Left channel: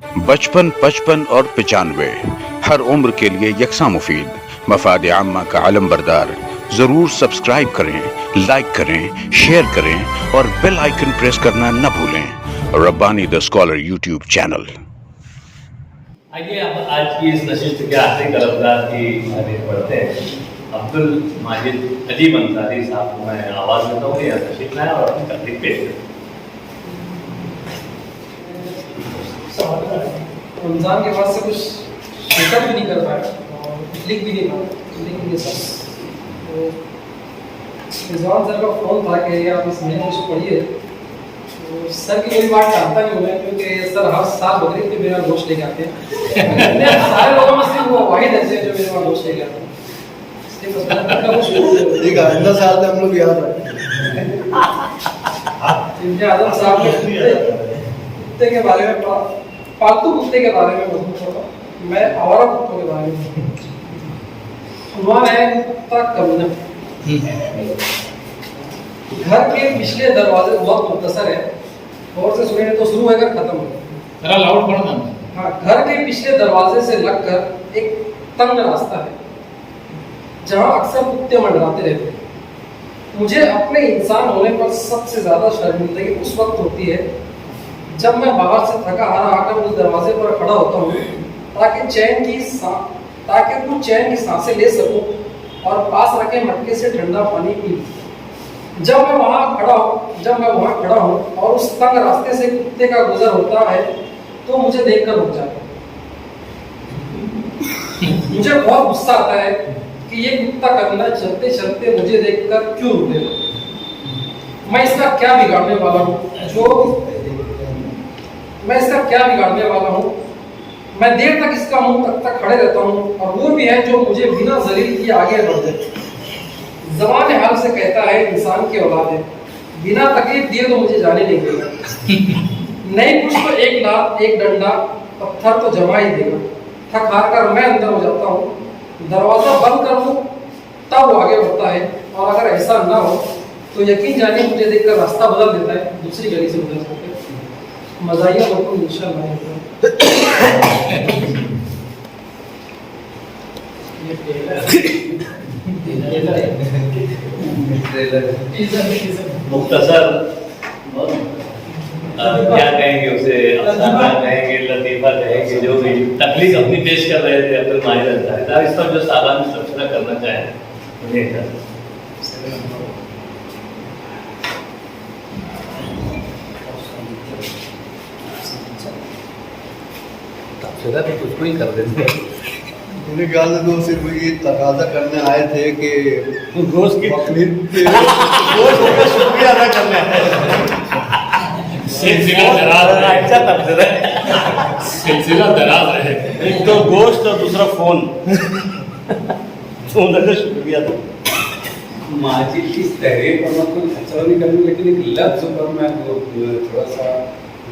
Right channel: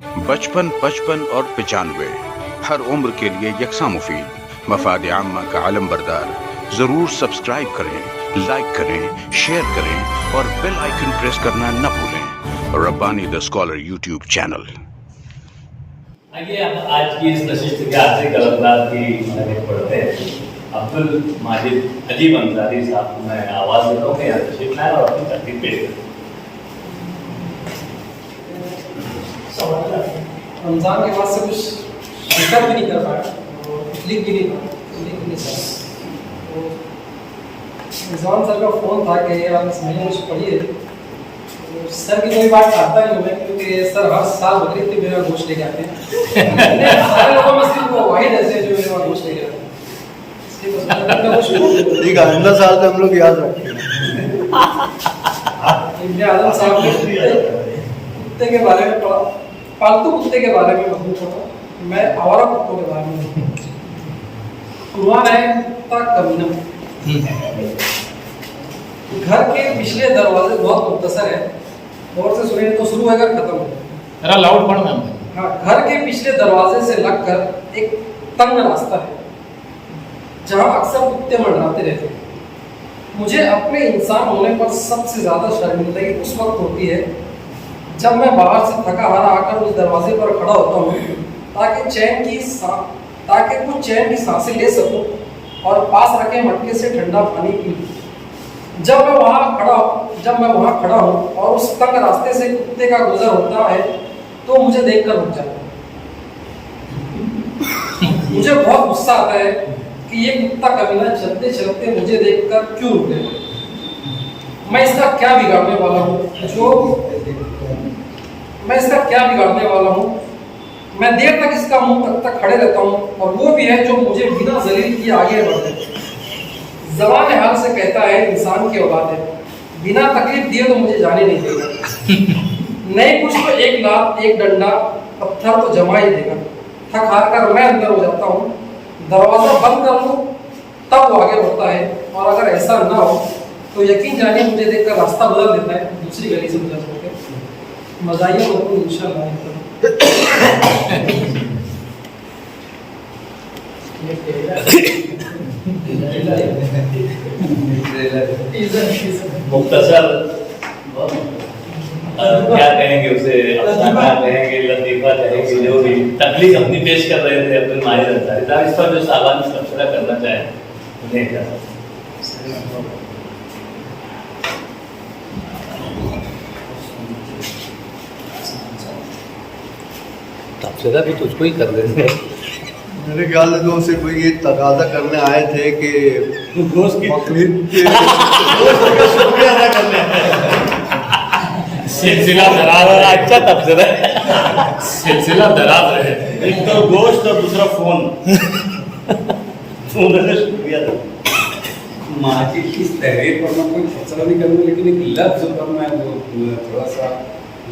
55, 55 और 95 हर उम्र के लिए यकसा मुफीद, मफाद आम्मा का आलम बरदार। जरूर सब्सक्राइब करें, लाइक करें, शेयर करें और बेल आइकन प्रेस करना न भूलें। Rabbani the scholar YouTube channel. आइए अब आज की इस नशिस्त के आखिरी तरफदार की आगे पढ़ते हैं। अब्दुल माजिद अजीब अंसारी साहब को मैं आवाज़ देता हूँ कि यहाँ तशरीफ लाएं और अपनी तकलीफ पेश करें। रमज़ान के बाद से कुछ शिकत भी नहीं कर पाया और कुछ लिख भी नहीं पाया, लिख भी नहीं सर। तो रिजवान सर का फ़ोन था कि आप इस महीने कुछ पढ़िए। तो सर की कोई बात टालता नहीं हूँ मैं, क्योंकि सर हर साल बकरीद पे मेरा गोश्त लेके आते हैं। सारे लोगों में सिर्फ वो वाहिद ऐसे हैं जो मेरे वहाँ गोश्त लेके आते हैं। इसलिए बस मैंने कुछ ठीक है, आइंदा साल से हम लोग याद रखेंगे। इब्ने आज़म साहब ने कुत्ते के बारे में पढ़ा, पालतू कुत्ते के बारे में मजबूत पढ़ा, मैं आवारा कुत्तों के बारे में। उन्वान है कुत्ता कमीना। घर के पिछले दरवाजे बहुत मुख्तसर है, और से सुने तो शुरू होकर खत्म है। जरा लाउड पढ़ना। हाँ, घर के पिछले दरवाजे से लगकर एक तंग रास्ता है जहाँ अक्सर कुत्ते मंडराते रहते हैं। मुझे अपने इंसान होने पर सबसे ज़्यादा शर्मिंदगी उस वक्त होती है जब मैं बाहर से थका हारा आकर उस दरवाजे पर खड़ा होता हूँ ताकि कुछ चैन की सांसें ले सकूं और पास रखे मटके से ठंडा पानी पी लूं। जब मैं वहाँ खड़ा हूँ और उस तंग रास्ते से कुत्ते का गुजर होता है तो मुझे देखकर रुक जाता है। मुझे बहुत गुस्सा आता है कि ये कुत्ता कमीना चलते चलते मुझे देखकर क्यों रुकेगा। मैं इसका क्या बिगाड़ने वाला हूँ? मैं देर तक इसका मुंह तक खड़े रहता हूँ, और वो भी है जो मुझे बिना जलील किए आगे बढ़ जाए। ज़बान हाल से कहता है इंसान की औलाद है, बिना तकलीफ दिए तो मुझे जाने नहीं देगा। नहीं कुछ तो एक लात एक डंडा पत्थर तो जमा ही देगा। थक हार कर मैं अंदर हो जाता हूँ, दरवाज़ा बंद कर दूँ तब वो आगे बढ़ता है, और अगर ऐसा ना हो तो यकीन जानिए मुझे देखकर रास्ता बदल देता है, दूसरी गली से गुजर जाता है। मज़ाहिया मकबूल इंशाअल्लाह। मुख्तसर क्या कहेंगे उसे, अफसाना कहेंगे, लतीफ़ा कहेंगे, जो भी तकलीफ अपनी पेश कर रहे थे अब्दुल माजिद अंसारी साहब, इस पर जो साहबान तबसरा करना चाहें उन्हें क्या तबसरा तो उसको ही कर देते। मेरे ख्याल से तो सिर्फ ये तकाजा करने आए थे कि बकरीद के शुक्रिया अदा करना सिलसिला दराज रहा। अच्छा तबसरा है, सिलसिला दराज रहे। एक तो गोश्त और दूसरा फोन का शुक्रिया था। माजिद की तहरीर पर मैं कोई फैसला नहीं करूँगा, लेकिन एक लफ्ज़ पर मैं वो थोड़ा सा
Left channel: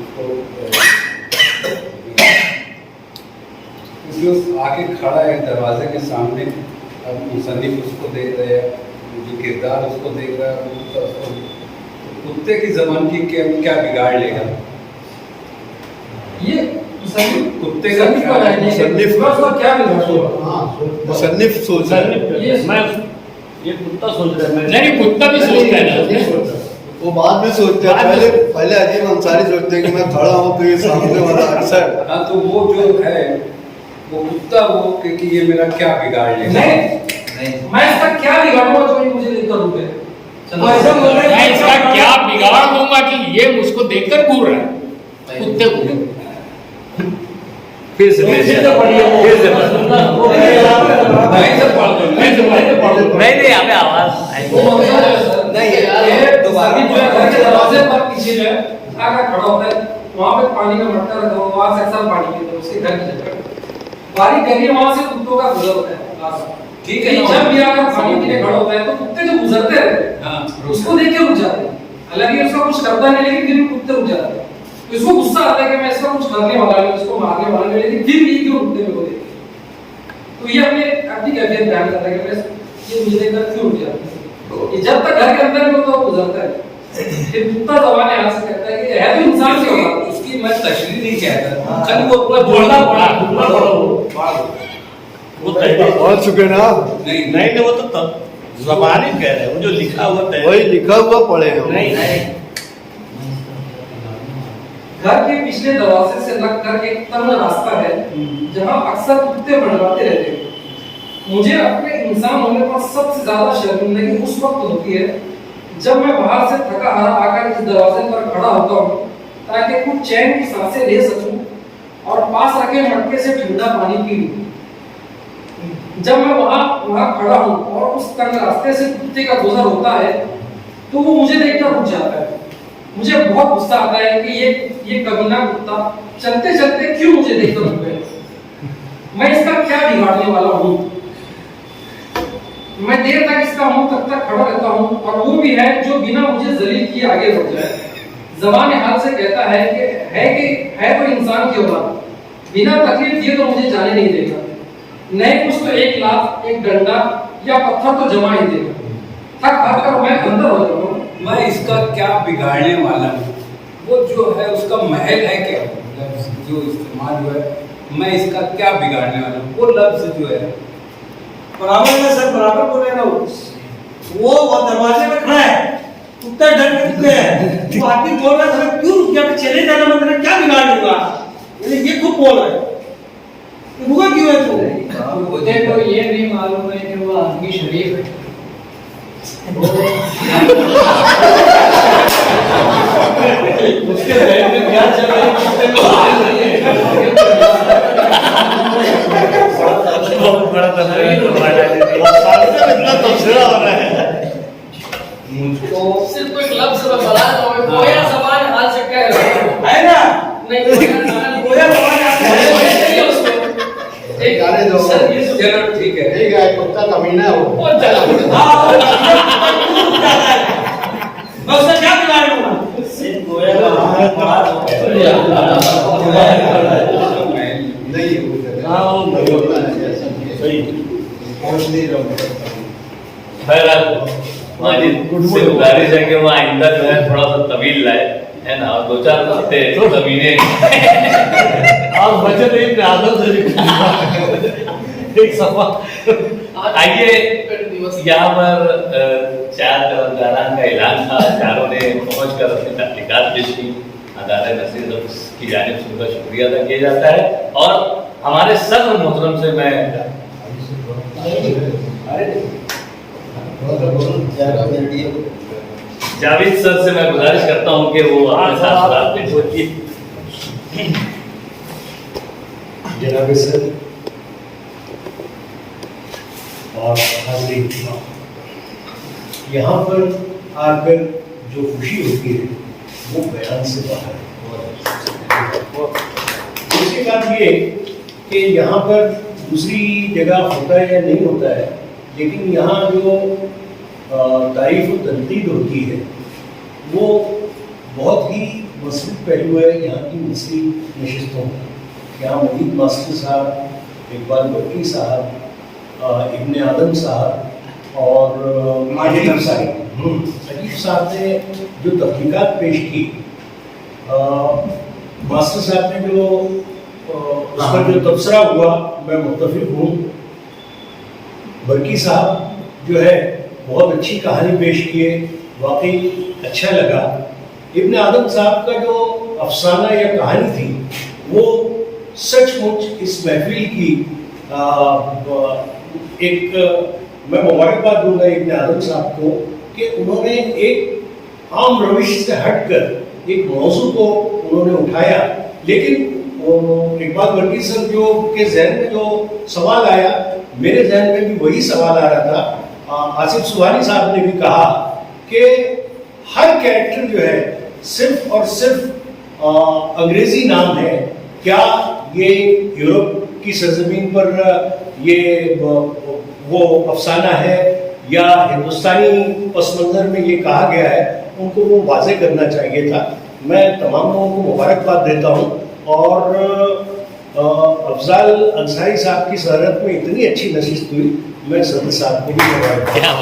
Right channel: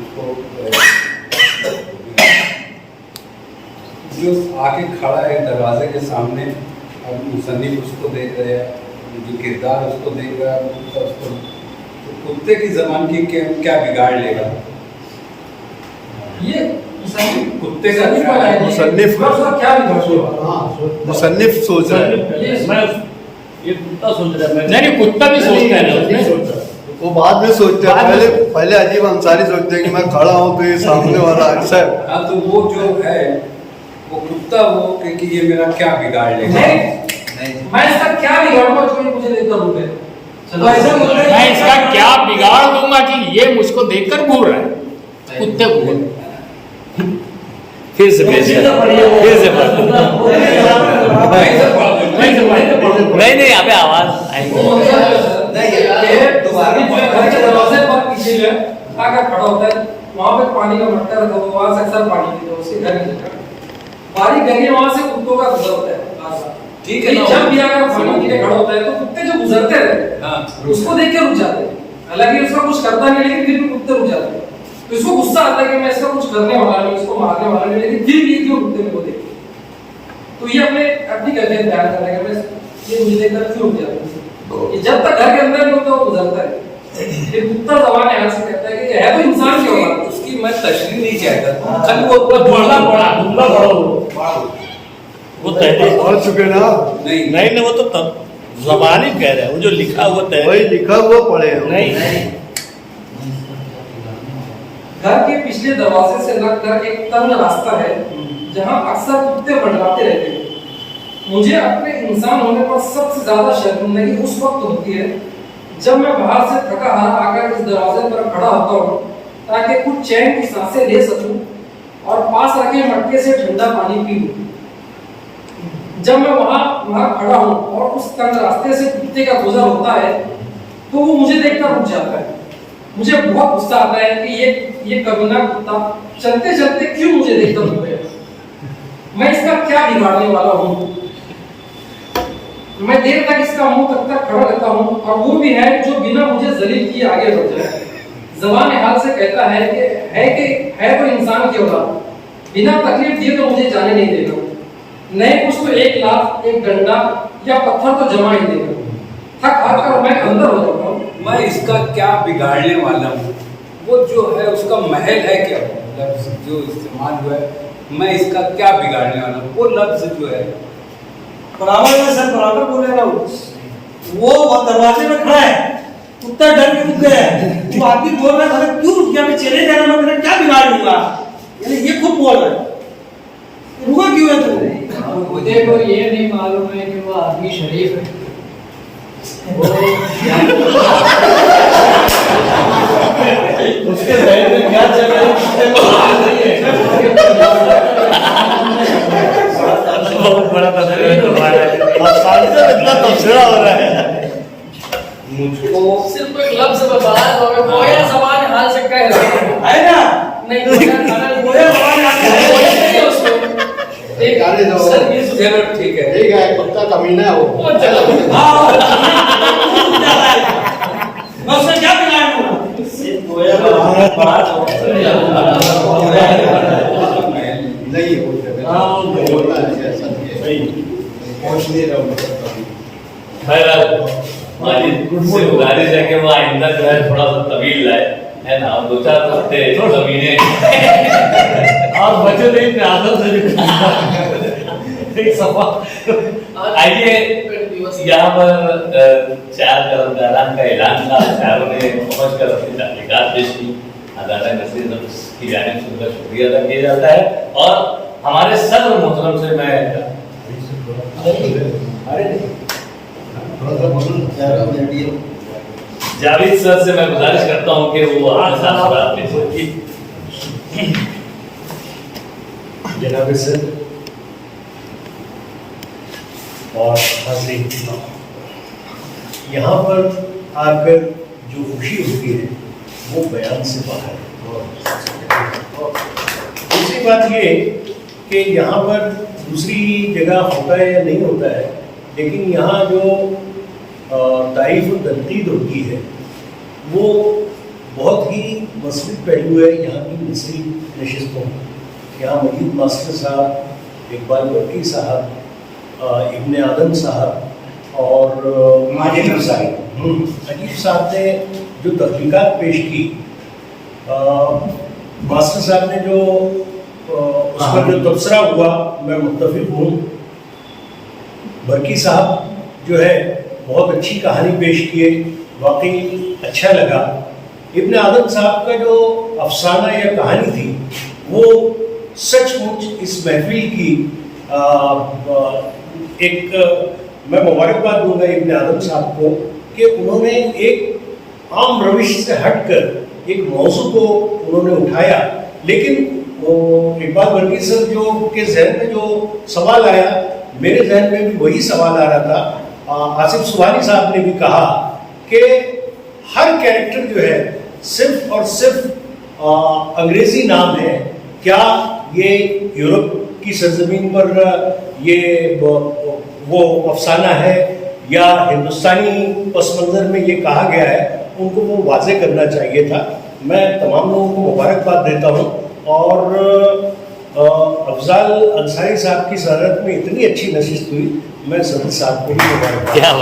उसको जो आके खड़ा है दरवाजे के सामने, अब मुसन्निफ उसको देख रहे हैं, जो किरदार उसको देख रहा है, उसको कुत्ते की ज़बान की क्या बिगाड़ लेगा ये कुत्ते का मुसन्निफ सोच रहा है। ये कुत्ता सोच रहा है। नहीं, कुत्ता भी सोचता है ना। वो बाद में सोचता है, पहले अजीब अंसारी सोचते हैं कि मैं खड़ा हूँ तो ये सामने वाला अक्सर। हाँ, तो वो जो है वो कुत्ता वो कि ये मेरा क्या बिगाड़ लेगा। मैं इसका क्या बिगाड़ूंगा जो ये मुझे देखकर रुके। मैं इसका क्या बिगाड़ दूंगा कि ये मुझको देखकर घूर रहा है। कुत्ते को फिर से नहीं हमें आवाज दरवाजे पर पीछे जो है आकर खड़ा होता है, वहाँ पे पानी का मटका रखा हुआ, वहाँ से अक्सर पानी पीता है, उसके घर की जगह बारी गली वहाँ से कुत्तों का गुजर होता है। ठीक है, जब भी आकर पानी पीने खड़ा होता है तो कुत्ते जो गुजरते रहते उसको देख के रुक जाते हैं। हालांकि उसका कुछ करता नहीं, लेकिन फिर भी कुत्ते रुक जाते हैं। तो इसको गुस्सा आता है कि मैं इसका कुछ करने वाला नहीं, इसको मारने वाला नहीं, लेकिन फिर भी क्यों कुत्ते मेरे को देखते। तो ये अपनी कैफियत बयान कर रहा है कि मैं ये मुझे देखकर क्यों रुक जाता है। ये जब तक घर के अंदर नहीं होता वो गुजरता है, फिर कुत्ता ज़बान हाल से कहता है कि है तो इंसान की औलाद। उसकी मैं तशरीह नहीं कहता, खाली वो बढ़ना पड़ा, दुबला पड़ा वो कहते पढ़ चुके ना आप? नहीं नहीं वो तो तब ज़बानी कह रहे हैं, जो लिखा हुआ तय वही लिखा हुआ पढ़े हम। नहीं घर के पिछले दरवाजे से लगकर एक तंग रास्ता है जहां अक्सर कुत्ते मंडराते रहते हैं। मुझे अपने इंसान होने पर सबसे ज्यादा शर्मिंदगी उस वक्त होती है जब मैं बाहर से थका हारा आकर इस दरवाजे पर खड़ा होता हूँ ताकि कुछ चैन की सांसें ले सकूं और पास रखे मटके से ठंडा पानी पी लूं। जब मैं वहां खड़ा हूँ और उस तंग रास्ते से कुत्ते का गुजर होता है तो वो मुझे देखकर रुक जाता है। मुझे बहुत गुस्सा आता है कि ये कमीना कुत्ता चलते चलते क्यों मुझे देखकर रुक गया। मैं इसका क्या बिगाड़ने वाला हूँ। मैं देर तक इसका मुंह तक खड़ा रहता हूँ और वो भी है जो बिना मुझे जलील किए आगे बढ़ जाए। ज़बान हाल से कहता है कि है तो इंसान की औलाद, बिना तकलीफ दिए तो मुझे जाने नहीं देगा। नहीं कुछ तो एक लात, एक डंडा या पत्थर तो जमा ही देगा। थक हार कर मैं अंदर हो जाता हूँ। मैं इसका क्या बिगाड़ने वाला हूँ। वो जो है उसका महल है क्या, लफ्ज जो इस्तेमाल हुआ है, मैं इसका क्या बिगाड़ने वाला हूँ। वो लफ्ज जो है बराबर है सर, बराबर बोले ना वो दरवाजे में खड़ा है, कुत्ता डर के रुक गया है, वो आदमी बोल रहा है क्यों रुक गया, चले जाना मैं तेरा क्या बिगाड़ लूंगा, यानी ये खुद बोल रहा है, रुका क्यों है तू। मुझे तो ये नहीं मालूम है कि वो आदमी शरीफ है। उसके जहन में क्या चल रहा है बहुत बड़ा तस्वीर हो रहा है। सिर्फ कोई लफ्ज में बता रहा हूँ, गोया ज़बान हाल से कह रहा हूँ। है ना नहीं अगर गोया ज़बान हाल से कह उसको ठीक गाने दो। सर ये चलो ठीक है। ठीक है, कुत्ता कमीना है वो। वो चलो हाँ मैं उससे क्या बिगाड़ लूंगा। नहीं है वो जगह। हाँ, वो बोलना है ऐसा नहीं है। सही पहुंच नहीं रहा हूँ। बहरहाल माजिद से गुजारिश है कि वो आइंदा जो है थोड़ा सा तवील लाए, है ना, और दो चार कुत्ते कमीने और बचे नहीं प्यादल से एक सफा। आइए यहाँ पर चार कर्मचारान का ऐलान था, चारों ने पहुँच कर अपनी तहकीकात पेश की। अदालत नसीर की जानिब से उनका शुक्रिया अदा किया जाता है और हमारे सदर मोहतरम से मैं थोड़ा सा बोलूं, ज़्यादा मीडिया। जावेद सर से मैं गुजारिश करता हूँ कि वो अपने साथ बात पेश करें। जनाब सर और हाज़रीन, यहाँ पर आकर जो खुशी होती है वो बयान से बाहर है। दूसरी बात ये कि यहाँ पर दूसरी जगह होता है या नहीं होता है, लेकिन यहाँ जो तारीफ़ और तनकीद होती है वो बहुत ही मसली पहलू है यहाँ की मसली नशिस्तों में। यहाँ मजीद मास्टर साहब, इकबाल बर्की साहब, इब्ने आदम साहब और अजीब साहब ने जो तहकीकात पेश की, मास्टर साहब ने जो उस पर जो तबसरा हुआ मैं मुत्तफिक हूँ। बर्की साहब जो है बहुत अच्छी कहानी पेश किए, वाकई अच्छा लगा। इब्ने आदम साहब का जो अफसाना या कहानी थी वो सचमुच इस महफिल की एक मैं मुबारकबाद दूंगा इब्ने आदम साहब को कि उन्होंने एक आम रविश से हटकर एक मौजू को उन्होंने उठाया। लेकिन इकबाल बर्की सर जो के जहन में जो सवाल आया, मेरे जहन में भी वही सवाल आ रहा था। आसिफ सुहानी साहब ने भी कहा कि हर कैरेक्टर जो है सिर्फ और सिर्फ अंग्रेजी नाम है। क्या ये यूरोप की सरजमीन पर ये वो अफसाना है या हिंदुस्तानी पस मंज़र में ये कहा गया है, उनको वो वाज़े करना चाहिए था। मैं तमाम लोगों को मुबारकबाद देता हूँ और अफजाल अंसारी साहब की सदरत में इतनी अच्छी नशिस्त हुई, मैं सदर साहब को भी मुबारकबाद।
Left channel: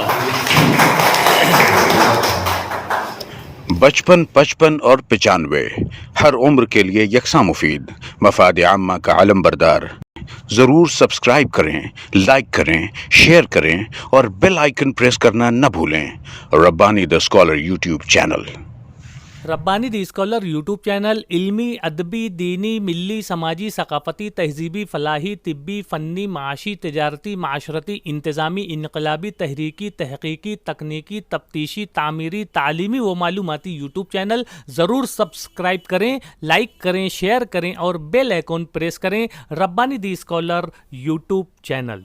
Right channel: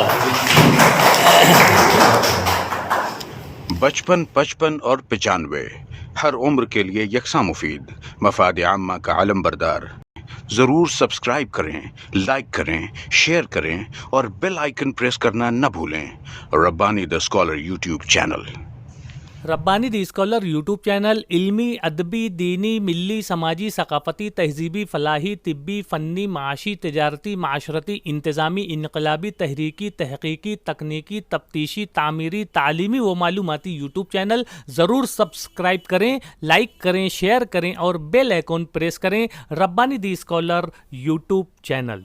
55 55 और 95 हर उम्र के लिए यकसा मुफीद मफाद आम्मा का आलम बरदार। ज़रूर सब्सक्राइब करें, लाइक करें, शेयर करें और बेल आइकन प्रेस करना न भूलें। Rabbani the scholar YouTube channel. Rabbani the scholar YouTube channel इल्मी, अदबी, दीनी, मिली, समाजी, सकाफती, तहजीबी, फलाही, तिब्बी, फ़न्नी, माशी, तिजारती, माशरती, इंतज़ामी, इनकलाबी, तहरीकी, तहकीकी, तकनीकी, तफ्तीशी, तामीरी, तालीमी व मालूमाती यूट्यूब चैनल। ज़रूर सब्सक्राइब करें, लाइक करें, शेयर करें और बेल आइकन प्रेस करें। Rabbani the scholar YouTube channel.